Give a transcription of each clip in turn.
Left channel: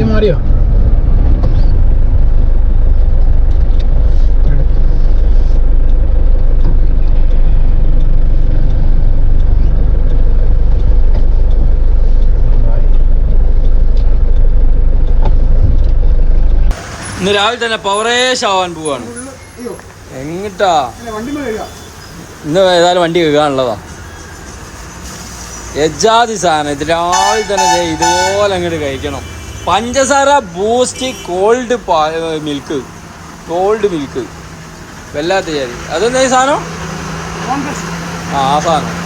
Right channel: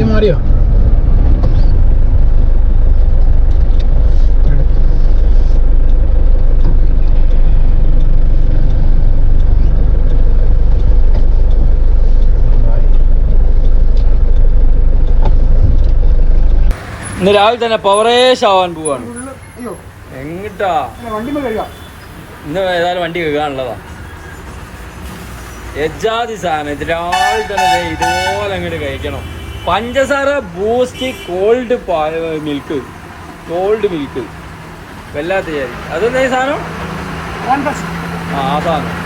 മാറ്റി മാറിയോ? ഇന്ന് രാവിലെ തന്നെ പവറേഷ് ആവാൻ പോവാണ്. എങ്ങിട്ടാ? ഇന്ന് ഏതായാലും വണ്ടി കഴുകാനുള്ളതാ. എജാതി സാധനം. ഇത് രാവിലെ തന്നെ ഇതുപോലെ അങ്ങോട്ട് കഴിക്കണം. പഞ്ചസാര boost cold milk. Cold milk. വല്ലാത്ത ജാതി അതെന്താ സാധനം? ആ ആ സാധനം.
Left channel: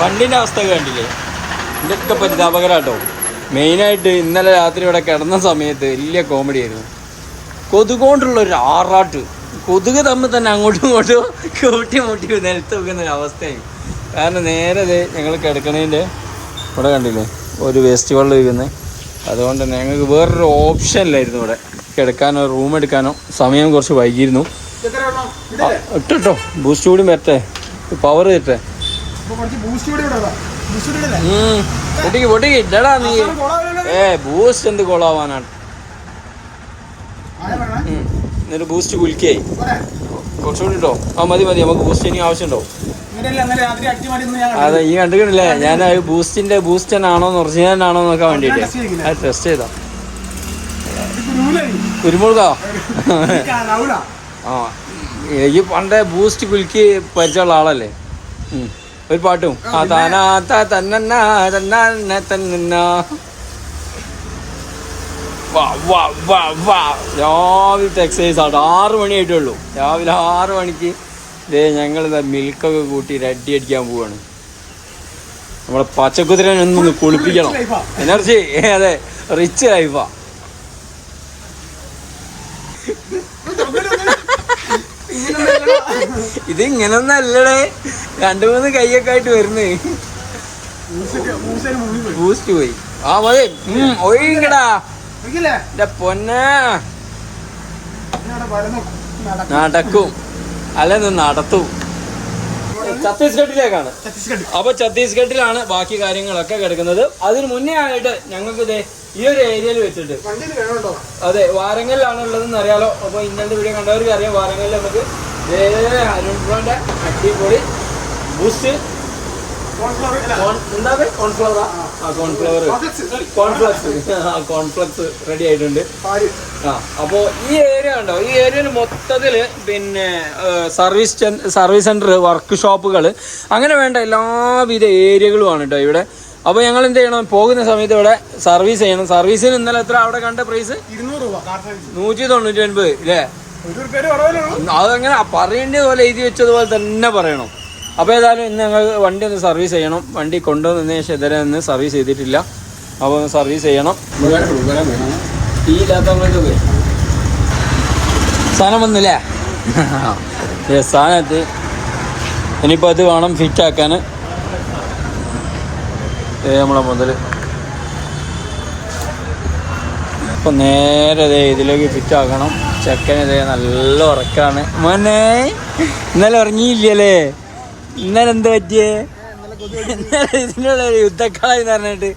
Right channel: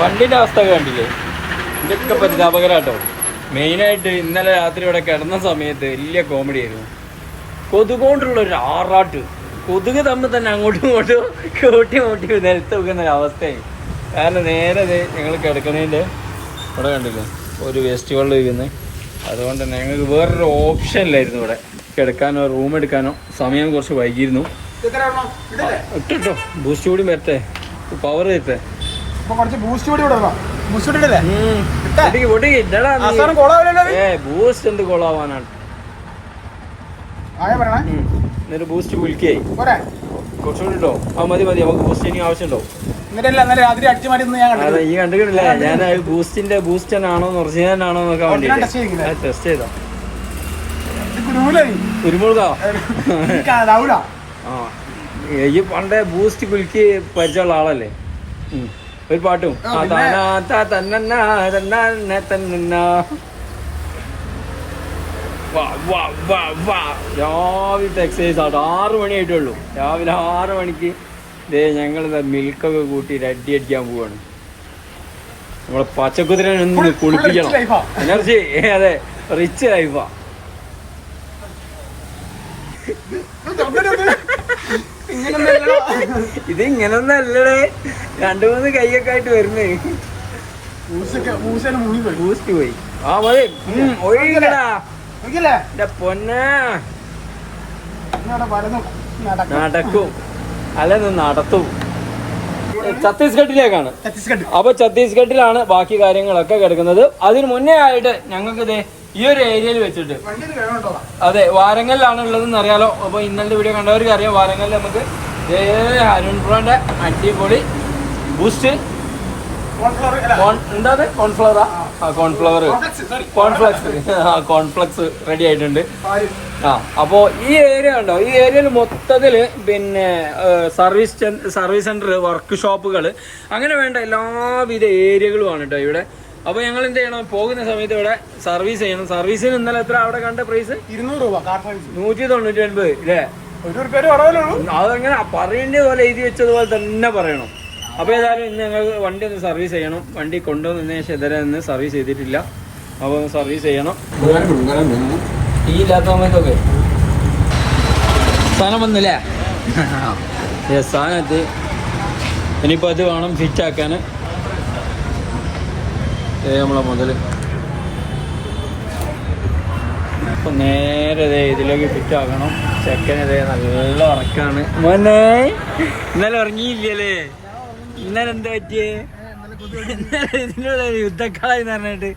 വണ്ടിന്റെ അവസ്ഥ കണ്ടില്ലേ? ഇതൊക്കെ പരിതാപകരാട്ടോ. മെയിനായിട്ട് ഇന്നലെ രാത്രി ഇവിടെ കിടന്ന സമയത്ത് വലിയ കോമഡി ആയിരുന്നു. കൊതുകൊണ്ടുള്ള ഒരു ആറാട്ട്. കൊതുക് തമ്മിൽ തന്നെ അങ്ങോട്ടും ഇങ്ങോട്ടും കൂട്ടി മുട്ടി നിലത്ത് വെക്കുന്ന ഒരു അവസ്ഥയായി. കാരണം നേരെ ഞങ്ങൾ കിടക്കണേന്റെ ഇവിടെ കണ്ടില്ലേ? ഒരു വേസ്റ്റ് വെള്ളം ഒഴുകുന്നത് അതുകൊണ്ട് തന്നെ ഞങ്ങൾക്ക് വേറൊരു ഓപ്ഷൻ ഇല്ലായിരുന്നു ഇവിടെ. കിടക്കാനോ റൂം എടുക്കാനോ സമയം കുറച്ച് വൈകിയിരുന്നു. ഇട്ടോ ബൂസ്റ്റ് കൂടി വരട്ടെ. പവർ തരട്ടെ ബൂസ്റ്റ് എന്ത് കൊളാവാനാണ്. എന്നിട്ട് ബൂസ്റ്റ് കുലുക്കിയായി. കുറച്ചുകൂടി ഇട്ടോ. ആ മതി മതി. നമുക്ക് ബൂസ്റ്റ് ഇനി ആവശ്യമുണ്ടോ അതെ ഈ കണ്ടിട്ടില്ലേ ഞാൻ ബൂസ്റ്റിന്റെ ബൂസ്റ്റൻ ആണോ ഒറിജിനൽ ആണോ നോക്കാൻ വേണ്ടിട്ട്? ടെസ്റ്റ് ചെയ്തോ? കുരുമുളക്. ആ ഈ പണ്ടേ ബൂസ്റ്റ് കുലുക്കി പരിചയമുള്ള ആളല്ലേ? ഒരു പാട്ടും. ആ താനാ തന്നെ തന്നാ വാ രാവിലത്തെ എക്സസൈസ് ആട്ടോ. ആറ് മണി ആയിട്ടുള്ളൂ രാവിലെ ആറ് മണിക്ക് ദേ ഞങ്ങൾ മിൽക്കൊക്കെ കൂട്ടി റെഡി അടിക്കാൻ പോവാണ്. നമ്മളെ പച്ചക്കുതിരനെ ഒന്ന് കുളിപ്പിക്കണം. എനർജി അതെ റിച്ച് ലൈഫാ ഇത് ഇങ്ങനൊന്നല്ലടേ രണ്ടു മൂന്ന് കൈയൊക്കെ ആയിട്ട് വരുന്നേ. പോയി ബൂസ്റ്റ് പോയി. ആ മതി. എന്റെ പൊന്നെ. നടക്കും. അല്ലെന്ന് നടത്തും. ഛത്തീസ്ഗഡിലേക്കാണ്. ഛത്തീസ്ഗഡ്. അപ്പൊ ഛത്തീസ്ഗഡിലാണ് ബാക്കി കാര്യങ്ങളൊക്കെ കിടക്കുന്നത്. അതിന് മുന്നേ ആയിട്ട് ഞങ്ങൾക്ക് ദേ ഈ ഒരു ഏരിയയിൽ വെച്ചിട്ട്. അതെ വാരങ്ങലിലാണ് ഉള്ളതെന്ന് അറിയാലോ. അപ്പൊ ഇന്നലെ വീഡിയോ കണ്ടവർക്ക് അറിയാം. വാരങ്ങലിൽ നമുക്ക് ദേ അരുൺ ബ്രോന്റെ അടിപൊളി ബൂസ്റ്റ് എന്താ കോൺഫ്ലവറാ? ആ. Cornflour cornflakes, cornflakes. റെഡി ആയിട്ടുണ്ട്. ആ അപ്പോ ഈ ഏരിയ കണ്ടോ? ഈ ഏരിയയിൽ മൊത്തത്തിൽ പിന്നെ സർവീസ് സർവീസ് സെന്റർ വർക്ക് ഷോപ്പുകൾ അങ്ങനെ വേണ്ട എല്ലാവിധ ഏരിയകളുമാണ് കേട്ടോ ഇവിടെ. അപ്പോൾ ഞങ്ങൾ എന്ത് ചെയ്യണം? പോകുന്ന സമയത്ത് ഇവിടെ സർവീസ് ചെയ്യണം. സർവീസിന് ഇന്നലെ എത്ര? അവിടെ കണ്ട പ്രൈസ് ഇരുന്നൂറ് രൂപ കാർ സർവീസ് നൂറ്റി തൊണ്ണൂറ്റി ഒൻപത് ഇല്ലേ കുറവല്ലേ അതങ്ങനെ പറയേണ്ടത് പോലെ എഴുതി വെച്ചതുപോലെ തന്നെ പറയണം. അപ്പോൾ ഏതായാലും ഇന്ന് ഞങ്ങൾ വണ്ടി ഒന്ന് സർവീസ് ചെയ്യണം. വണ്ടി കൊണ്ടുവന്നതിന് ശേഷം ഇതുവരെ ഒന്ന് സർവീസ് ചെയ്തിട്ടില്ല. അപ്പോൾ ഒന്ന് സർവീസ് ചെയ്യണം. തീ ഇല്ലാത്തതൊക്കെ സാധനം വന്നില്ലേ? സാധനം എത്തി ഇനിയിപ്പോൾ അത് വേണം ഫിറ്റ് ആക്കാൻ. നമ്മളെ മുതൽ അപ്പൊ നേരെ ഇതിലേക്ക് ഫിറ്റ് ആക്കണം. ചെക്കൻ ഇതേ നല്ല ഉറക്കാണ്. മോനെ ഇന്നലെ ഉറങ്ങിയില്ലല്ലേ? ഇന്നലെ എന്ത് പറ്റിയേ? ഇതിനുള്ള യുദ്ധക്കളായി പറഞ്ഞിട്ട്.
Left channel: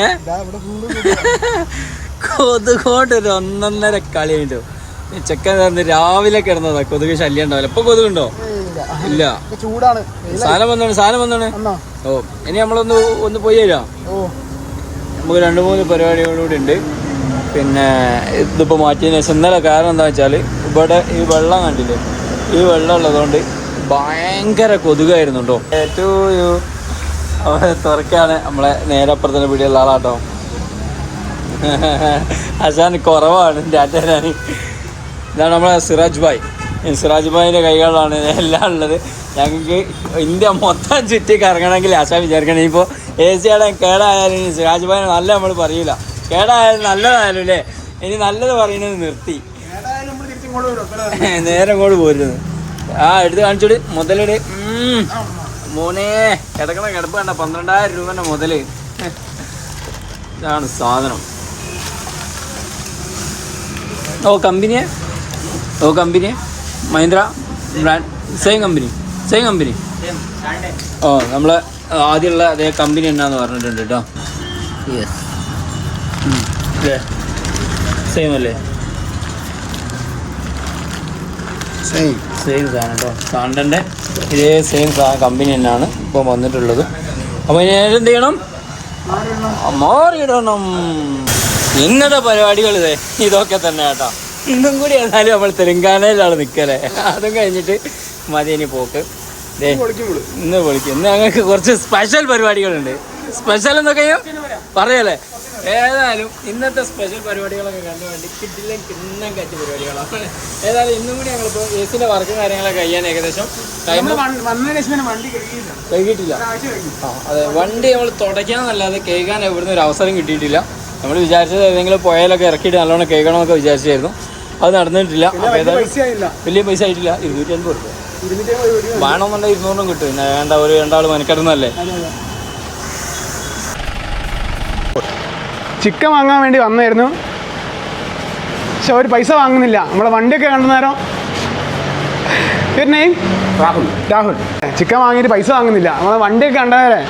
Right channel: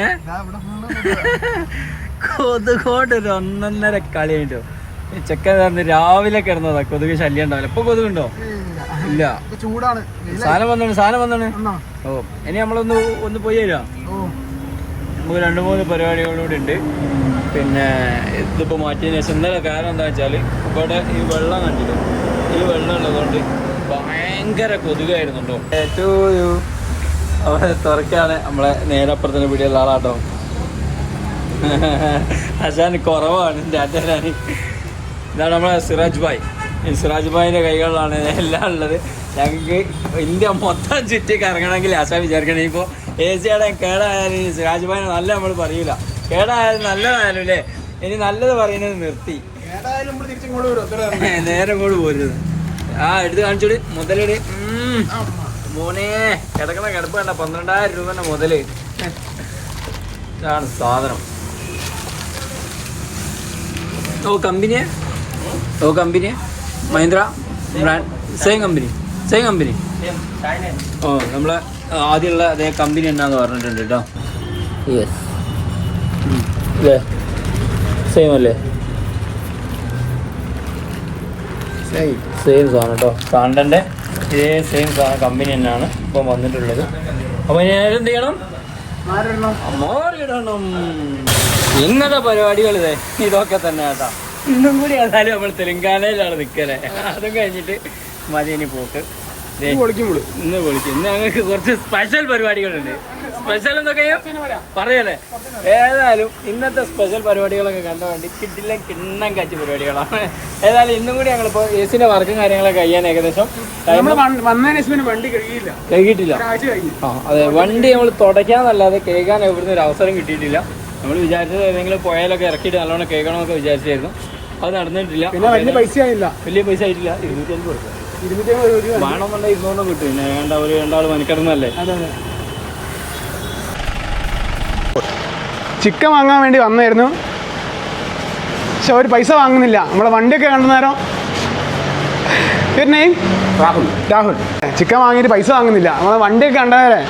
ഏ? കൊതുകോട്ട് ഒരു ഒന്നൊന്നര കളി കിട്ടോ ചെക്കൻ രാവിലെ കിടന്നതാ. കൊതുക് ശല്യം ഉണ്ടാവില്ല. ഇപ്പൊ കൊതുകുണ്ടോ ഇല്ല. ചൂടാണ്. സാധനം വന്നാണ് സാധനം വന്നാണ്. ഓ ഇനി നമ്മളൊന്ന് ഒന്ന് പോയി തരാം നമുക്ക് രണ്ട് മൂന്ന് പരിപാടികളൂടെ ഉണ്ട്. പിന്നെ ഇതിപ്പോൾ മാറ്റിയതിന് ശേഷം ഇന്നലെ കാരണം എന്താ വെച്ചാൽ ഇവിടെ ഈ വെള്ളം കണ്ടില്ലേ? ഈ വെള്ളം ഉള്ളതുകൊണ്ട് ഭയങ്കര കൊതുകായിരുന്നു കേട്ടോ. ഏറ്റവും അവിടെ തുറക്കാണ്. നമ്മളെ നേരെ അപ്പുറത്തിന് പിടിയുള്ള ആളാട്ടോ. അശാൻ കുറവാണ്. ടാറ്റാൻ ഇതാണ് നമ്മളെ സിറാജ് ഭായ്. സിറാജ് ഭായിന്റെ കൈകളാണ് എല്ലാം ഉള്ളത്. ഞങ്ങൾക്ക് ഇന്ത്യ മൊത്തം ചുറ്റി കറങ്ങണമെങ്കിൽ ആശാ വിചാരിക്കണം. ഇപ്പോൾ എ സി ആടെ കേടായാലും സിറാജ് ഭായിനെ നല്ല നമ്മൾ പറയൂല. കേടായാലും നല്ലതായാലും അല്ലേ? ഇനി നല്ലത് പറയുന്നത് നിർത്തി. നേരെ കൂടെ പോരുന്നത്. ആ എടുത്ത് കാണിച്ചോട് മുതലിട്. മോനെ കിടക്കണ കിടപ്പ് കണ്ട പന്ത്രണ്ടായിരം രൂപന്റെ മുതൽ. ഇതാണ് സാധനം. ഓ കമ്പനിയെ? ഓ company? Mahindra brand? Same company same company ഓ നമ്മളെ ആദ്യമുള്ള അതേ കമ്പനി എന്നാന്ന് പറഞ്ഞിട്ടുണ്ട് കേട്ടോ. യെസ് അല്ലേ? സെയിം അല്ലേ? സെയിം സെയിം സാധനം കേട്ടോ. സാണ്ടന്റെ ഇതേ സെയിം സാധനം കമ്പനി തന്നെയാണ് ഇപ്പോൾ വന്നിട്ടുള്ളത്. അപ്പോൾ ഞാൻ എന്ത് ചെയ്യണം? മാറിയിടണം. ഇന്നത്തെ പരിപാടികൾ ഇതേ. ഇതൊക്കെ തന്നെ കേട്ടോ. ഇന്നും കൂടി ഏതായാലും നമ്മൾ തെലങ്കാനയിലാണ് നിൽക്കലേ അതും കഴിഞ്ഞിട്ട് മതി ഇനി പോക്ക് ഇന്ന് വിളിക്കും ഇന്ന് ഞങ്ങൾക്ക് കുറച്ച് സ്പെഷ്യൽ പരിപാടികളുണ്ട്. സ്പെഷ്യൽ എന്നൊക്കെ പറയല്ലേ? ഏതായാലും ഇന്നത്തെ സ്പെഷ്യൽ പരിപാടികളൊക്കെ കണ്ട വേണ്ടി കിട്ടില്ല കിണ്ണം കാച്ച പരിപാടികളാണ്. ഏതായാലും ഇന്നും കൂടി ഞങ്ങളിപ്പോൾ എ സിന്റെ വർക്കും കാര്യങ്ങളൊക്കെ കഴിയാൻ ഏകദേശം ടൈം വണ്ടി അതെ. വണ്ടി നമ്മൾ തുടയ്ക്കാന്നല്ലാതെ കേൾക്കാൻ എവിടുന്ന് ഒരു അവസരം കിട്ടിയിട്ടില്ല. നമ്മൾ വിചാരിച്ചത് ഏതെങ്കിലും പോയാലൊക്കെ ഇറക്കിയിട്ട് നല്ലോണം കേൾക്കണമെന്നൊക്കെ വിചാരിച്ചായിരുന്നു. അത് നടന്നിട്ടില്ല. വലിയ പൈസ ആയിട്ടില്ല ഇരുന്നൂറ്റി അൻപത് റുപ്യ വേണമെന്നുണ്ടെങ്കിൽ ഇരുന്നൂറും കിട്ടും. പിന്നെ വേണ്ട ഒരു രണ്ടാൾ മനക്കിടന്നല്ലേ ചിക്കൻ വാങ്ങാൻ വേണ്ടി വന്നായിരുന്നു. പക്ഷെ അവർ പൈസ വാങ്ങുന്നില്ല. നമ്മളെ വണ്ടിയൊക്കെ കണ്ട നേരം. നെയിം രാഹുൽ. രാഹുൽ. ചിക്കൻ വാങ്ങിയിട്ട് പൈസ വാങ്ങുന്നില്ല. നമ്മളെ വണ്ടിയൊക്കെ കണ്ടേരെ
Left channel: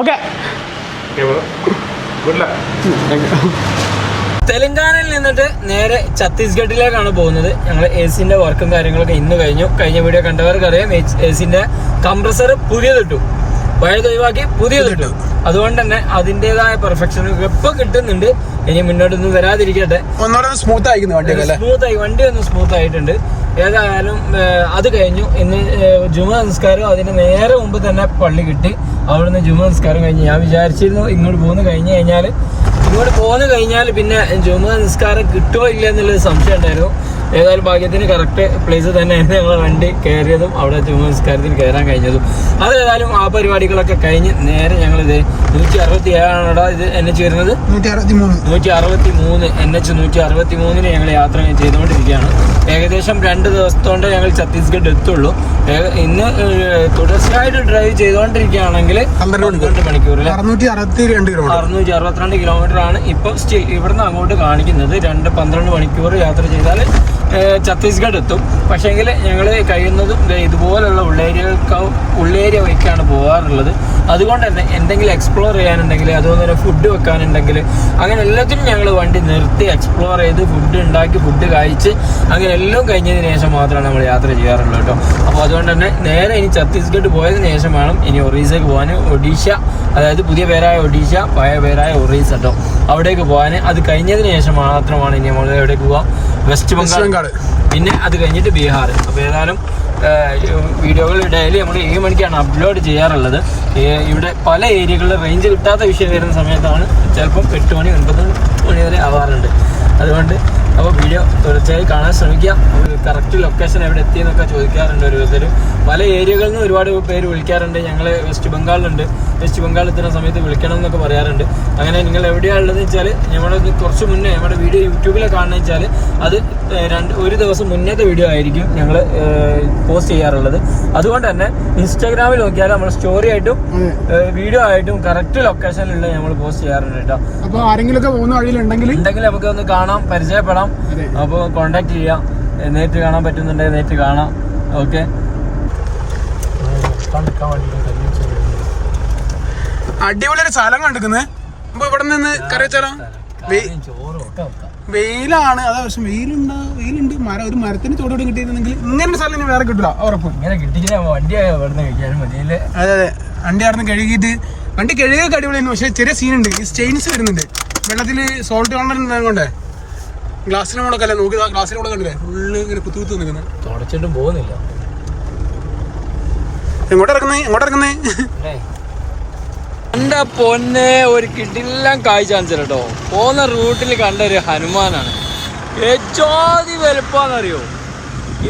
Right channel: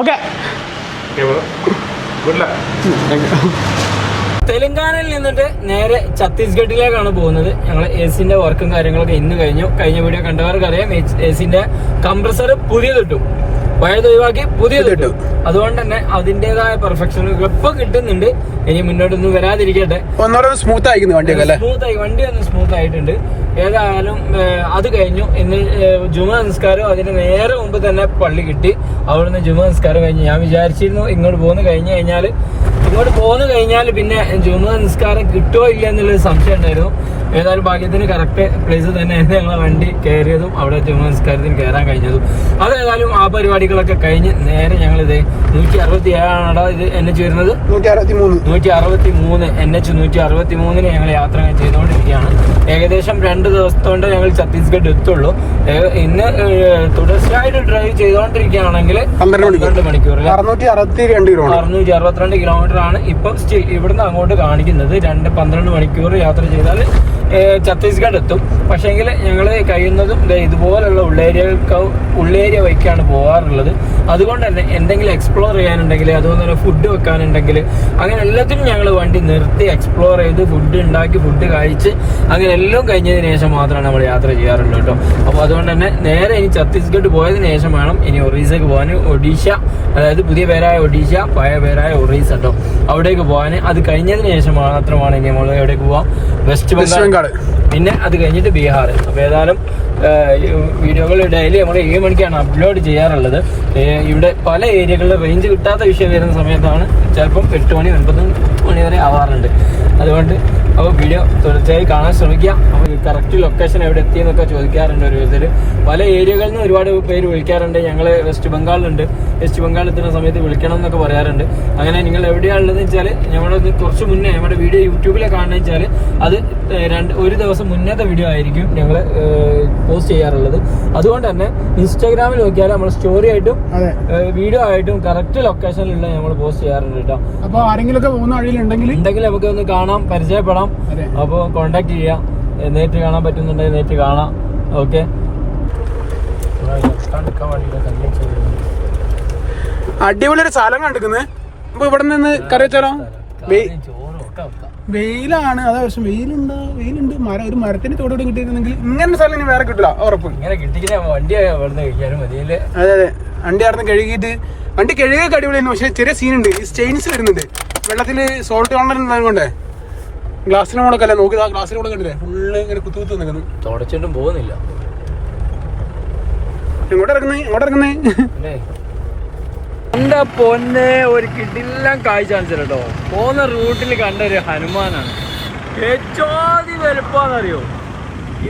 ഓക്കെ തെലങ്കാനയിൽ നേരെ ഛത്തീസ്ഗഡിലേക്കാണ് പോകുന്നത്. ഞങ്ങൾ എ സിന്റെ വർക്കും കാര്യങ്ങളൊക്കെ ഇന്ന് കഴിഞ്ഞു. കഴിഞ്ഞ വീഡിയോ കണ്ടവർക്ക് അറിയാം എ സിന്റെ കംപ്രസർ പുതിയതിട്ടു. പഴയത് ഒഴിവാക്കി പുതിയതിട്ടു. അതുകൊണ്ട് തന്നെ അതിന്റെതായ പെർഫെക്ഷൻ ഇപ്പൊ കിട്ടുന്നുണ്ട്. ഇനി മുന്നോട്ടൊന്നും വരാതിരിക്കട്ടെ. സ്മൂത്ത് ആയി വണ്ടി ഒന്ന് സ്മൂത്ത് ആയിട്ടുണ്ട്. ഏതായാലും അത് കഴിഞ്ഞു. ഇന്ന് ജുമ സംസ്കാരം അതിന് നേരെ മുമ്പ് തന്നെ പള്ളി കിട്ടി. അവിടുന്ന് ജുമ സംസ്കാരം കഴിഞ്ഞ് ഞാൻ വിചാരിച്ചിരുന്നു ഇങ്ങോട്ട് പോന്ന് കഴിഞ്ഞു കഴിഞ്ഞാൽ ഇങ്ങോട്ട് പോന്നു കഴിഞ്ഞാൽ പിന്നെ ജുമ നിസ്കാരം കിട്ടുമോ ഇല്ല എന്നുള്ളൊരു സംശയം ഉണ്ടായിരുന്നു. ഏതായാലും ഭാഗ്യത്തിന് കറക്റ്റ് പ്ലേസ് തന്നെയായിരുന്നു ഞങ്ങളെ വണ്ടി കയറിയതും അവിടെ ജുമ നിസ്കാരത്തിന് കയറാൻ കഴിഞ്ഞതും. അത് ഏതായാലും ആ പരിപാടികളൊക്കെ കഴിഞ്ഞ് നേരെ ഞങ്ങളിത് നൂറ്റി അറുപത്തി ഏഴാണോടാ ഇത് നൂറ്റി അറുപത്തി മൂന്ന് നൂറ്റി അറുപത്തി മൂന്ന് എൻ എച്ച് നൂറ്റി അറുപത്തി മൂന്നിന് ഞങ്ങൾ യാത്ര ചെയ്തുകൊണ്ടിരിക്കുകയാണ്. ഏകദേശം രണ്ട് ദിവസത്തോണ്ട് ഞങ്ങൾ ഛത്തീസ്ഗഡ് എത്തുള്ളൂ. ഇന്ന് തുടർച്ചയായിട്ട് ഡ്രൈവ് ചെയ്തുകൊണ്ടിരിക്കുകയാണെങ്കിൽ പന്ത്രണ്ട് മണിക്കൂർ. അറുന്നൂറ്റി അറുപത്തി രണ്ട് അറുന്നൂറ്റി അറുപത്തിരണ്ട് കിലോമീറ്റർ ആണ് ഇപ്പൊ ഇവിടുന്ന് അങ്ങോട്ട് കാണിക്കുന്നത്. രണ്ട് പന്ത്രണ്ട് മണിക്കൂർ യാത്ര ചെയ്താൽ ഛത്തീസ്ഗഡ് എത്തും പക്ഷേങ്കിൽ ഞങ്ങൾ കഴിയുന്നതും ഇതുപോലുള്ള ഉള്ളേരിയകൾക്ക് ഉള്ളേരിയ വഴിക്കാണ് പോകാറുള്ളത് അതുകൊണ്ട് തന്നെ എന്തെങ്കിലും എക്സ്പ്ലോർ ചെയ്യാനുണ്ടെങ്കിൽ അതുപോലെ തന്നെ ഫുഡ് വെക്കാനുണ്ടെങ്കിൽ അങ്ങനെ എല്ലാത്തിനും ഞങ്ങൾ വണ്ടി നിർത്തി എക്സ്പ്ലോർ ചെയ്ത് ഫുഡ് ഉണ്ടാക്കി ഫുഡ് കഴിച്ച് അങ്ങനെ എല്ലാം കഴിഞ്ഞതിന് ശേഷം മാത്രമാണ് നമ്മൾ യാത്ര ചെയ്യാറുള്ളൂ കേട്ടോ. അപ്പോൾ അതുകൊണ്ട് തന്നെ നേരെ ഇനി ഛത്തീസ്ഗഡ് പോയതിന് ശേഷം വേണം ഇനി ഒറീസയ്ക്ക് പോകാൻ ഒഡീഷ അതായത് പുതിയ പേരായ ഒഡീഷ പഴയ പേരായ ഒറീസ കേട്ടോ. അവിടേക്ക് പോകാൻ അത് കഴിഞ്ഞതിന് ശേഷം മാത്രമാണ് ഇനി നമ്മൾ എവിടേക്ക് പോകാം വെസ്റ്റ് ബംഗാൾ. പിന്നെ അത് കഴിഞ്ഞിട്ട് ബീഹാർ. അപ്പോൾ ഏതായാലും വീഡിയോകൾ ഡെയിലി നമ്മൾ ഏഴ് മണിക്കാണ് അപ്ലോഡ് ചെയ്യാറുള്ളത്. ഇവിടെ പല ഏരിയകളിൽ റേഞ്ച് കിട്ടാത്ത വിഷയം വരുന്ന സമയത്താണ് ചിലപ്പം എട്ട് മണി ഒൻപത് മണി വരെ ആവാറുണ്ട്. അതുകൊണ്ട് അപ്പോൾ വീഡിയോ തുടർച്ചയായി കാണാൻ ശ്രമിക്കുക. കറക്റ്റ് ലൊക്കേഷൻ എവിടെ എത്തിയെന്നൊക്കെ ചോദിക്കാറുണ്ട് ഒരു വിധത്തിൽ പല ഏരിയകളിൽ നിന്ന് ഒരുപാട് പേര് വിളിക്കാറുണ്ട്. ഞങ്ങൾ വെസ്റ്റ് ബംഗാളിലുണ്ട് വെസ്റ്റ് ബംഗാളിൽ എത്തുന്ന സമയത്ത് വിളിക്കണം എന്നൊക്കെ പറയാറുണ്ട്. അങ്ങനെ നിങ്ങൾ എവിടെയാണുള്ളതെന്ന് വെച്ചാൽ ഞങ്ങളത് കുറച്ച് മുന്നേ ഞങ്ങളുടെ വീഡിയോ യൂട്യൂബിലെ കാണുന്ന വെച്ചാൽ അത് രണ്ട് ഒരു ദിവസം മുന്നത്തെ വീഡിയോ ആയിരിക്കും ഞങ്ങൾ പോസ്റ്റ് ചെയ്യാറുള്ളത്. അതുകൊണ്ട് തന്നെ ഇൻസ്റ്റാഗ്രാമിൽ നോക്കിയാൽ നമ്മൾ സ്റ്റോറി ആയിട്ടും വീഡിയോ ആയിട്ടും കറക്റ്റ് ലൊക്കേഷനിലുള്ള നമ്മൾ പോസ്റ്റ് ചെയ്യാറുണ്ട് കേട്ടോ. അപ്പോൾ ആരെങ്കിലും പോകുന്ന വഴിയിലുണ്ടെങ്കിൽ ഉണ്ടെങ്കിൽ നമുക്ക് ഒന്ന് കാണാം പരിചയപ്പെടാം. അപ്പോൾ കോണ്ടാക്ട് ചെയ്യാം. നേരിട്ട് കാണാൻ പറ്റുന്നുണ്ടെങ്കിൽ നേരിട്ട് കാണാം. ഓക്കെ അടിപൊളി ഒരു സ്ഥലം കണ്ടിരിക്കുന്നത് അപ്പൊ ഇവിടെ നിന്ന് കറി വെച്ചാലോ? വെയിലാണ്. അതെ പക്ഷെ വെയിലുണ്ട് വെയിലുണ്ട്. മരം ഒരു മരത്തിന് തോടോട് കിട്ടിയിരുന്നെങ്കിൽ ഇങ്ങനെ സ്ഥലം ഇനി വേറെ കിട്ടില്ല ഉറപ്പ്. ഇങ്ങനെ കിട്ടിയില്ല വണ്ടി അതെ അതെ. വണ്ടി അവിടെ കഴുകിയിട്ട് വണ്ടി കഴുകിയ അടിപൊളിയായിരുന്നു. പക്ഷെ ചെറിയ സീനുണ്ട്. ഈ സ്റ്റെയിൻസ് വരുന്നുണ്ട്. വെള്ളത്തിൽ സോൾട്ട് കാണാൻ കൊണ്ടേ ഗ്ലാസ്സിന് അല്ല നോക്കി ആ ഗ്ലാസ്സിന് മുകളിൽ കണ്ടില്ലേ? ഫുള്ള് ഇങ്ങനെ കുത്തു കുത്തു നിൽക്കുന്നു തുടച്ചിട്ടും പോകുന്നില്ല. എങ്ങോട്ട് ഇറങ്ങുന്നേ ഇറങ്ങുന്നേ എന്റെ പൊന്നെ ഒരു കിടിലം കാഴ്ച കാണിച്ചു പോന്ന റൂട്ടിൽ കണ്ട ഒരു ഹനുമാനാണ്. ഏറ്റവും വലുപ്പാന്നറിയോ?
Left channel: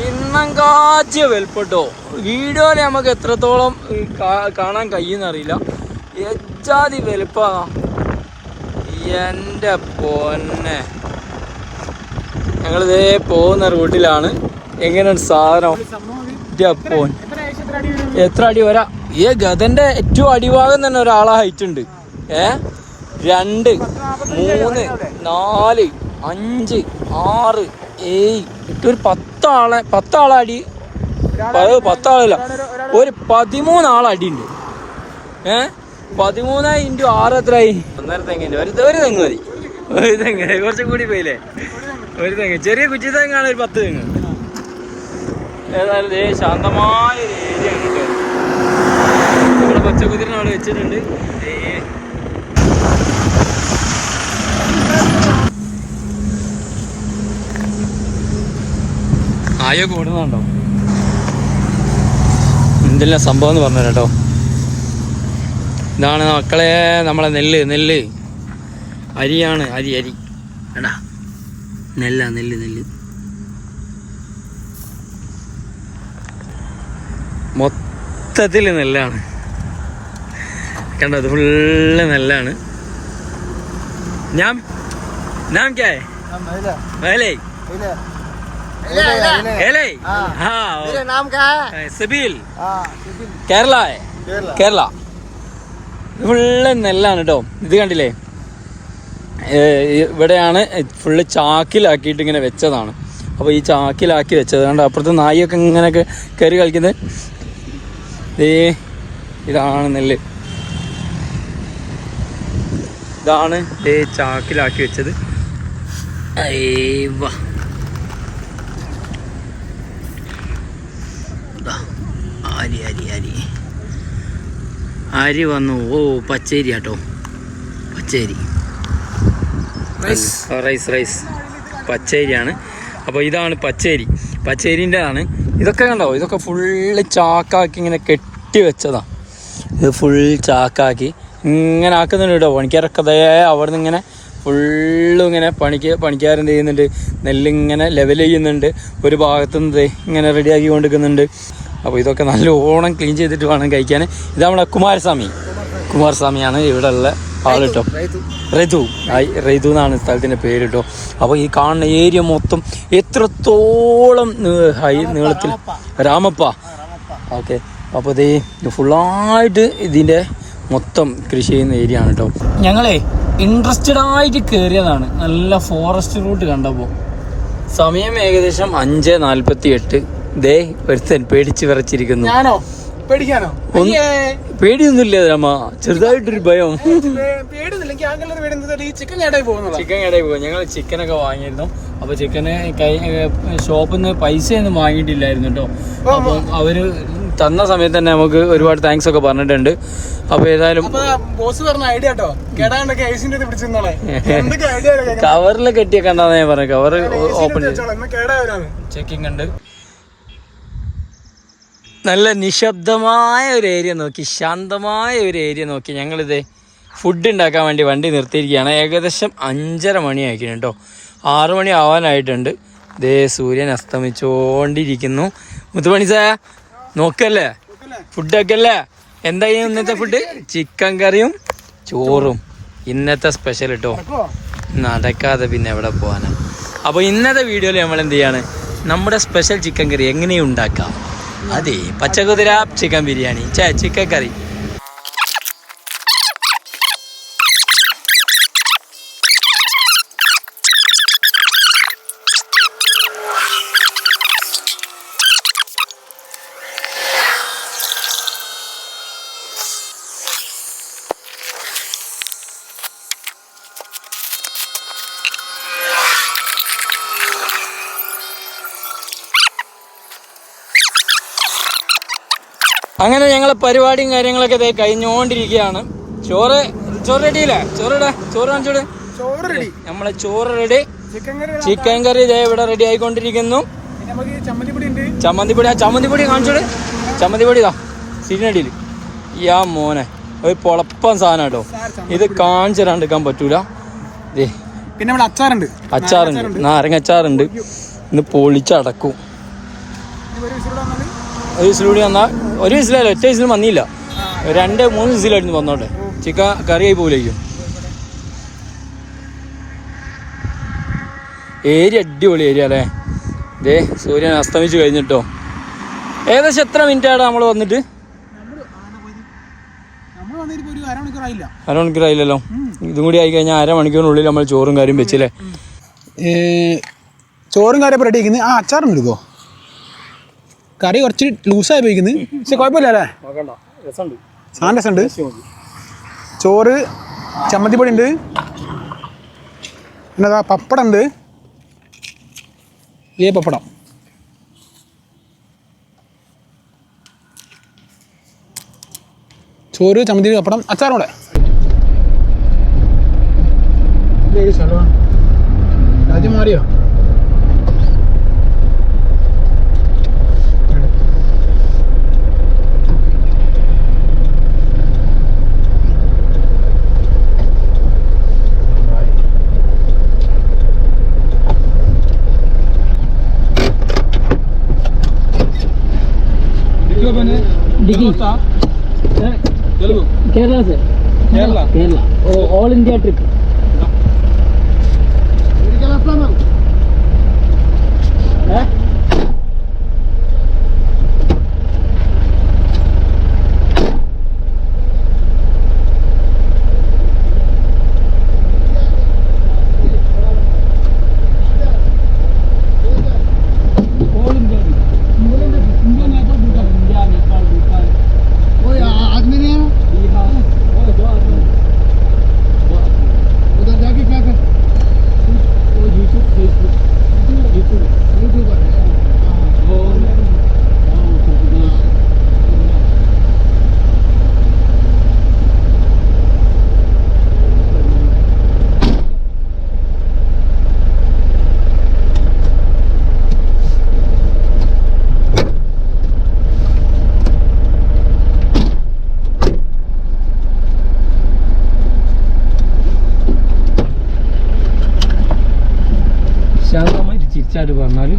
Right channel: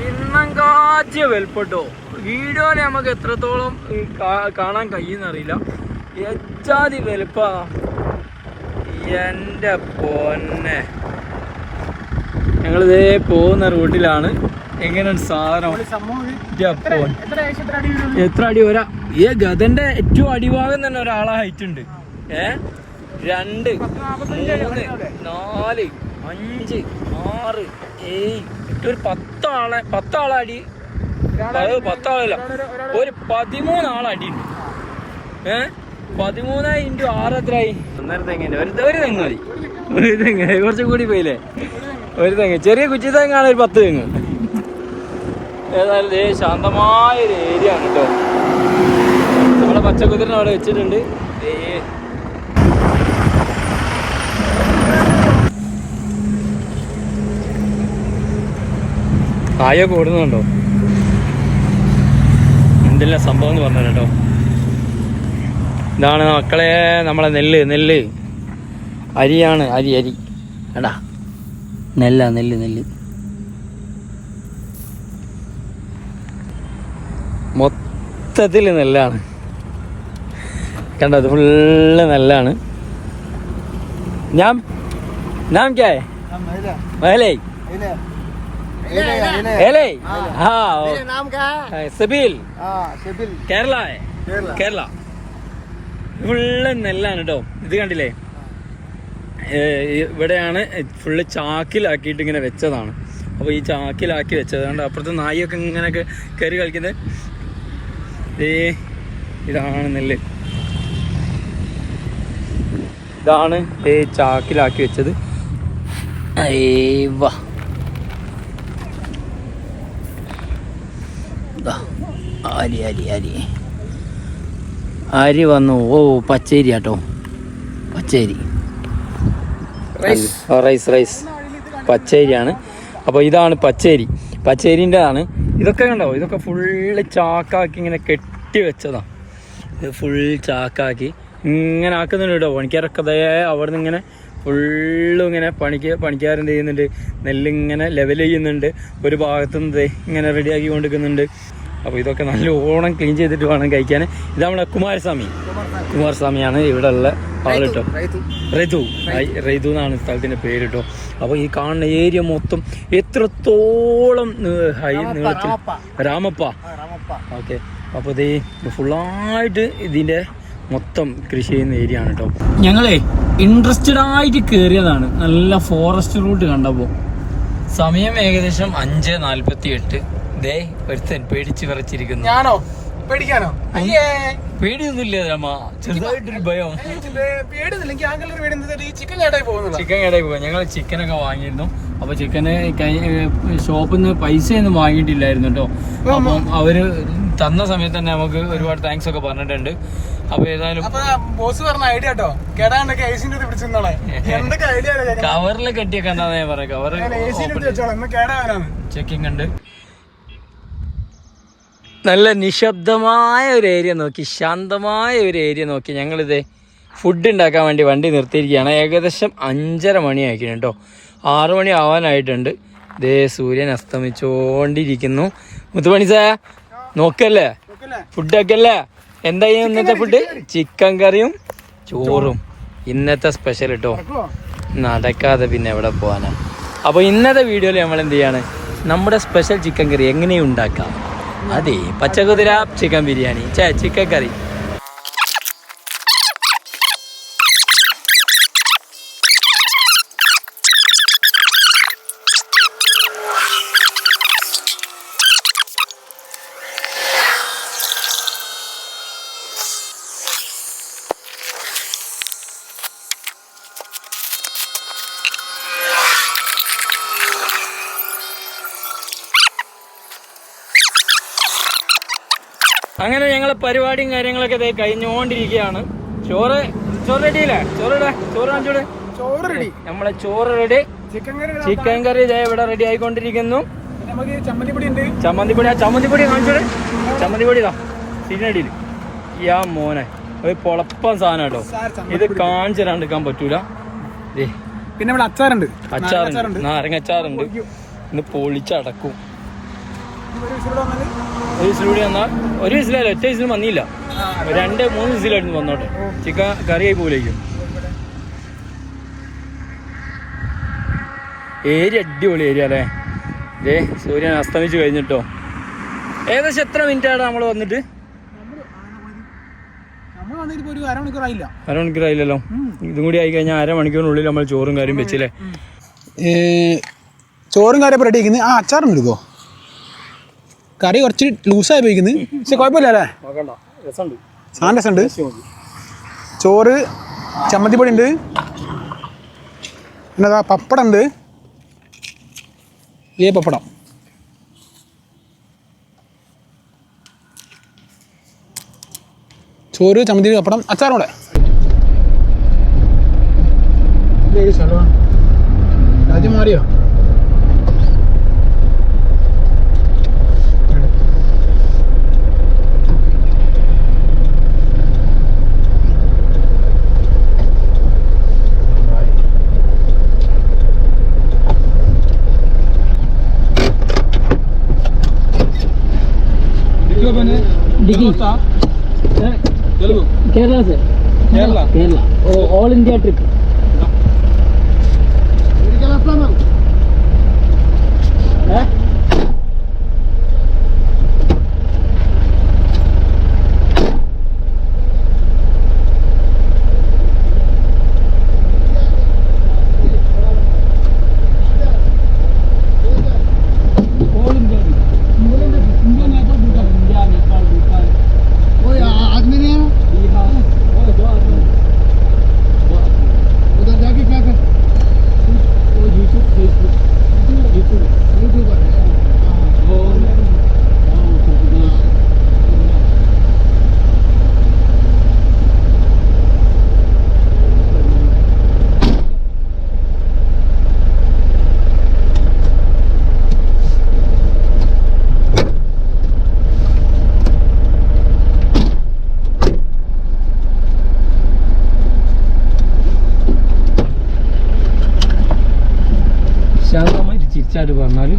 ഇണ്ണം കാച്ചിയ വലുപ്പട്ടോ വീഡിയോയിൽ നമുക്ക് എത്രത്തോളം കാണാൻ കഴിയുന്നറിയില്ല. ഏറ്റാതി വലുപ്പാ. എന്റെ പൊന്നെ. ഞങ്ങളിതേ പോകുന്ന റൂട്ടിലാണ് എങ്ങനെയാണ് സാധനം? എത്ര അടി വരും? ഈ ഗതന്റെ ഏറ്റവും അടിഭാഗം തന്നെ ഒരാളെ ഹൈറ്റ് ഉണ്ട്. ഏ? രണ്ട് മൂന്ന് നാല് അഞ്ച് ആറ് ഏഴ്. എട്ട് ഒരു പത്താളെ പത്താളെ അടി. പത്താളില്ല. ഒരു പതിമൂന്ന് ആളെ അടി ഉണ്ട്. ഏ? പതിമൂന്ന് ഇന്റു ആറ് എത്രയായി? ഒന്നര തെങ്ങിന്റെ ഒരു ഒരു തെങ്ങ് മതി. ഒരു തെങ്ങ്. കുറച്ചും കൂടി പോയില്ലേ? ഒരു തെങ്ങ്. ചെറിയ കുറ്റി തെങ്ങാണ് ഒരു പത്ത് തെങ്ങ്. ഏതായാലും ഏ ശാന്തമായ ഒരു ഏരിയ ആണ് കേട്ടോ. നമ്മുടെ പച്ചക്കുതിരനെ അവിടെ വെച്ചിട്ടുണ്ട്. കായ കായൊക്കെ ഓടുന്നുണ്ടോ? എന്തെല്ലാം സംഭവം എന്ന് പറഞ്ഞു കേട്ടോ. ഇതാണ് മക്കളെ നമ്മളെ നെല്ല് നെല്ല്. അരിയാണ് അരി അരി. എടാ നെല്ലാ നെല്ല് നെല്ല്. മൊത്തത്തിൽ നെല്ലാണ്. കണ്ടത് ഫുള്ള് നെല്ലാണ്. ഞാൻ ഞാൻ ക്യാ? കേരള? കേരള. ഫുള്ള് നെല്ലാണ് കേട്ടോ. ഇത് കണ്ടില്ലേ? ഇവിടെയാണ് ഫുള്ള് ചാക്കിലാക്കിയിട്ട് ഇങ്ങനെ വെച്ചതാണ്. അപ്പോൾ ഈ ചാക്കിലാക്കി വെച്ചത് കണ്ടോ? അപ്പുറത്ത് നായിയൊക്കെ ഇങ്ങനെയൊക്കെ കയറി കളിക്കുന്നത്. ദേ ഇതാണ് നെല്ല്. ഇതാണ് ഏ ചാക്കിലാക്കി വെച്ചത്. ഏ അരി അരി അരി അരി വന്നു. ഓ പച്ചരി കേട്ടോ പച്ചരി. റൈസ്. Rice rice. പച്ചരിയാണ്. അപ്പോൾ ഇതാണ് പച്ചരി. പച്ചരിന്റെ ആണ് ഇതൊക്കെ കണ്ടോ? ഇതൊക്കെ ഫുള്ള് ചാക്കാക്കി ഇങ്ങനെ കെട്ടി വെച്ചതാണ് ഇത് ഫുൾ ചാക്കാക്കി ഇങ്ങനെ ആക്കുന്നുണ്ട് കേട്ടോ. പണിക്കാരൊക്കെ ദേ അവിടെ നിന്ന് ഇങ്ങനെ ഫുള്ളും ഇങ്ങനെ പണിക്ക് പണിക്കാരൻ ചെയ്യുന്നുണ്ട്. നെല്ലിങ്ങനെ ലെവൽ ചെയ്യുന്നുണ്ട്. ഒരു ഭാഗത്തു നിന്ന് ദേ ഇങ്ങനെ റെഡിയാക്കി കൊണ്ടിരിക്കുന്നുണ്ട്. അപ്പോൾ ഇതൊക്കെ നല്ല ഓണം ക്ലീൻ ചെയ്തിട്ട് വേണം കഴിക്കാൻ. ഇത് നമ്മുടെ കുമാരസ്വാമി. കുമാരസ്വാമിയാണ് ഇവിടെ ഉള്ള ആൾ കേട്ടോ റെതു റെതു എന്നാണ് സ്ഥലത്തിന്റെ പേര് കേട്ടോ അപ്പോൾ ഈ കാണുന്ന ഏരിയ മൊത്തം എത്രത്തോളം ഹൈ നീളത്തിൽ രാമപ്പ. ഓക്കെ. അപ്പോൾ ഇത് ഫുള്ളായിട്ട് ഇതിന്റെ മൊത്തം കൃഷി ചെയ്യുന്ന ഏരിയ ആണ് കേട്ടോ ഞങ്ങളെ ഇൻട്രസ്റ്റഡ് ആയിട്ട് കയറിയതാണ് നല്ല ഫോറസ്റ്റ് റൂട്ട് കണ്ടപ്പോൾ സമയം ഏകദേശം അഞ്ച് നാൽപ്പത്തി എട്ട് ദേ ഒരുത്തൻ പേടിച്ച് വിറച്ചിരിക്കുന്നു. ഞാനോ? പേടിക്കാനോ? പേടിയൊന്നുമില്ല രാമ. ചെറുതായിട്ടൊരു ഭയം. ചിക്കൻ കടയിൽ പോകും ഞങ്ങൾ ചിക്കനൊക്കെ വാങ്ങിയിരുന്നു. അപ്പൊ ചിക്കന് കൈ ഷോപ്പിൽ നിന്ന് പൈസയൊന്നും വാങ്ങിയിട്ടില്ലായിരുന്നു കേട്ടോ. അപ്പം അവർ തന്ന സമയത്ത് തന്നെ നമുക്ക് ഒരുപാട് താങ്ക്സ് ഒക്കെ പറഞ്ഞിട്ടുണ്ട്. അപ്പൊ ഏതായാലും ബോസ് പറഞ്ഞ ഐഡിയ കേട്ടോ കേടാണ്ടൊക്കെ ഐസിന്റെ പിടിച്ചിരുന്നോളെ. കവറിൽ കെട്ടിയൊക്കെ എന്താ ഞാൻ പറഞ്ഞു? കവർ ചെക്കിംഗ് ഉണ്ട്. നല്ല നിശബ്ദമായ ഒരു ഏരിയ നോക്കി ശാന്തമായ ഒരു ഏരിയ നോക്കി ഞങ്ങളിത് ഫുഡ് ഉണ്ടാക്കാൻ വേണ്ടി വണ്ടി നിർത്തിയിരിക്കുകയാണ്. ഏകദേശം അഞ്ചര മണി ആയിരിക്കണം കേട്ടോ ആറു മണി ആവാനായിട്ടുണ്ട്. ദേ സൂര്യൻ അസ്തമിച്ചുകൊണ്ടിരിക്കുന്നു മുത്തുപണി സാ നോക്കല്ലേ? ഫുഡൊക്കെ അല്ലേ എന്തായാലും ഇന്നത്തെ ഫുഡ് ചിക്കൻ കറിയും ചോറും. ഇന്നത്തെ സ്പെഷ്യൽ കേട്ടോ നടക്കാതെ പിന്നെ എവിടെ പോകാനാ അപ്പോൾ ഇന്നത്തെ വീഡിയോയിൽ നമ്മൾ എന്ത് ചെയ്യാണ്? നമ്മുടെ സ്പെഷ്യൽ ചിക്കൻ കറി എങ്ങനെ ഉണ്ടാക്കാം. അതെ പച്ചകുതിര ചിക്കൻ ബിരിയാണി. ചേ ചിക്കൻ കറി അങ്ങനെ ഞങ്ങളെ പരിപാടിയും കാര്യങ്ങളൊക്കെ ദേ കഴിഞ്ഞുകൊണ്ടിരിക്കുകയാണ്. ചോറ് ചോറ് റെഡിയില്ലേ? ചോറ് ഇടാ ചോറ് കാണിച്ചോടെ? ചോറ് റെഡി. നമ്മളെ ചോറ് റെഡി. ചിക്കൻ കറി ഇതേ ഇവിടെ റെഡി ആയിക്കൊണ്ടിരിക്കുന്നു. ചമ്മന്തിപ്പൊടി ആ ചമ്മന്തിപ്പൊടി കാണിച്ചോട്? ചമ്മന്തിപ്പൊടി ഇതാ സിരിനടിയിൽ യാ മോനെ ഒരു പൊളപ്പം സാധനം കേട്ടോ. ഇത് കാണിച്ചു തരാണ്ടിരിക്കാൻ പറ്റൂല. പിന്നെ ഇവിടെ അച്ചാറുണ്ട്. അച്ചാറുണ്ട് നാരങ്ങ അച്ചാറുണ്ട്. ഇന്ന് പൊളിച്ചടക്കും. ഇത് ഒരു വിസിൽ കൂടി വന്നാൽ ഒരു വിസിലല്ല ഒറ്റ വിസിൽ വന്നില്ല. രണ്ട് മൂന്ന് വിസിലായിരുന്നു വന്നോട്ടെ. ചിക്കൻ കറിയായി പോലേക്കും ഏരി അടിപൊളി ഏരിയ അല്ലേ? ഇതേ സൂര്യൻ അസ്തമിച്ച് കഴിഞ്ഞിട്ടോ. ഏകദേശം എത്ര മിനിറ്റ് ആണ് നമ്മൾ വന്നിട്ട്? അരമണിക്കൂർ ആയില്ല അരമണിക്കൂറായില്ലല്ലോ ഇതും കൂടി ആയി കഴിഞ്ഞാൽ അരമണിക്കൂറിനുള്ളിൽ നമ്മൾ ചോറും കാര്യം വെച്ചില്ലേ? ചോറും കാര്യം റെഡി ആ അച്ചാറും എടുക്കോ കറി കുറച്ച് ലൂസായി പോയിക്കുന്നത് പക്ഷെ കുഴപ്പമില്ല അല്ലേ നോക്കണ്ട. രസമുണ്ട്. സാധനം രസമുണ്ട്. ചോറ് ചമ്മന്തിപ്പൊടി ഉണ്ട് പിന്നെ അതാ പപ്പടം. ഉണ്ട് ഏ പപ്പടം ചോറ് ചമ്മന്തി പപ്പടം അച്ചാറൂടെ രാജ്യം മാറിയോ? Degree Telugu Kerala sir Kerala Kerala all India trip തിരിച്ചായിട്ട് പറഞ്ഞാൽ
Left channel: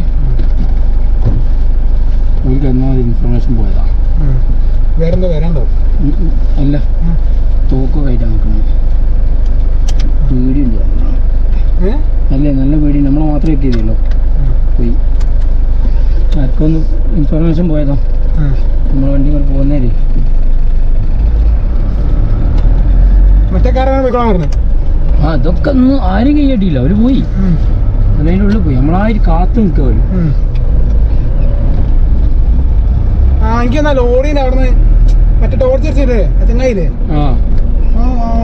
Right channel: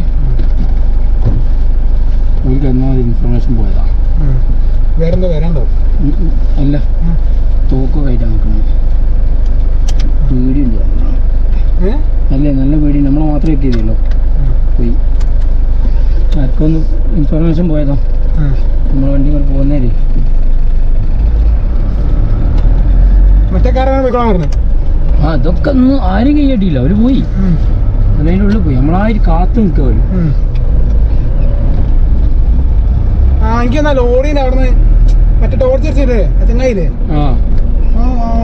ഒരു എന്നാൽ ഇൻഫർമേഷൻ പോയതാ. വേറെന്താ വരാണ്ടോ. അല്ല. തോക്ക് കയറ്റാൻ നിൽക്കുന്നത് പേടിയുണ്ട് അല്ലേ നല്ല പേടി. നമ്മളെ മാത്രമേ എത്തിയതല്ലോ പോയി. ആർക്കൊന്ന് ഇൻഫർമേഷൻ പോയതാ. നമ്മൾ വണ്ടി കൂടെ പോകുന്നേരെ. മറ്റേ കാരാണ് പോയിക്കോളാൻ പറഞ്ഞത് ആ അതൊക്കെ ഒന്നും ആരും കൈയ്യട്ടിയില്ല അവർ പോയി. അതിന്റെ ഉള്ളിൽ പോയി. നമ്മളാരും കാത്തു നിൽക്കുക ആ എനിക്ക് എന്നാ ലോറിയിൽ അവിടുന്ന് മറ്റേ ടോർച്ച് അടിച്ചില്ലേ ചങ്ങായില്ലേ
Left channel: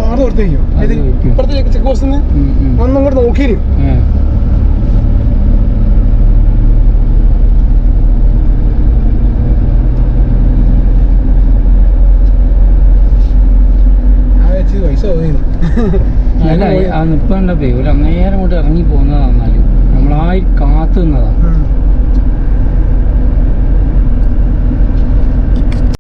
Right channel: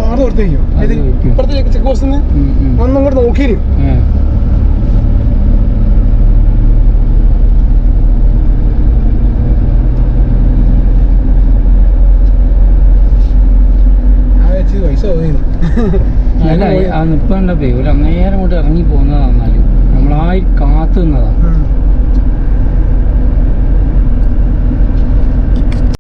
അവിടെ വയ്ക്കും ഇപ്പുറത്തെ ചെക്ക് പോസ്റ്റിൽ ഉം. ഒന്നും കൂടെ നോക്കിയിരും ഏ. ആ. വെച്ച് പൈസ പോയിരുന്നു അല്ല എന്താ ഒരു അങ്ങേരം കൊണ്ട് ഇറങ്ങി പോകുന്നതാ എന്നാലും നമ്മളായി കാത്തു നിന്നതാ.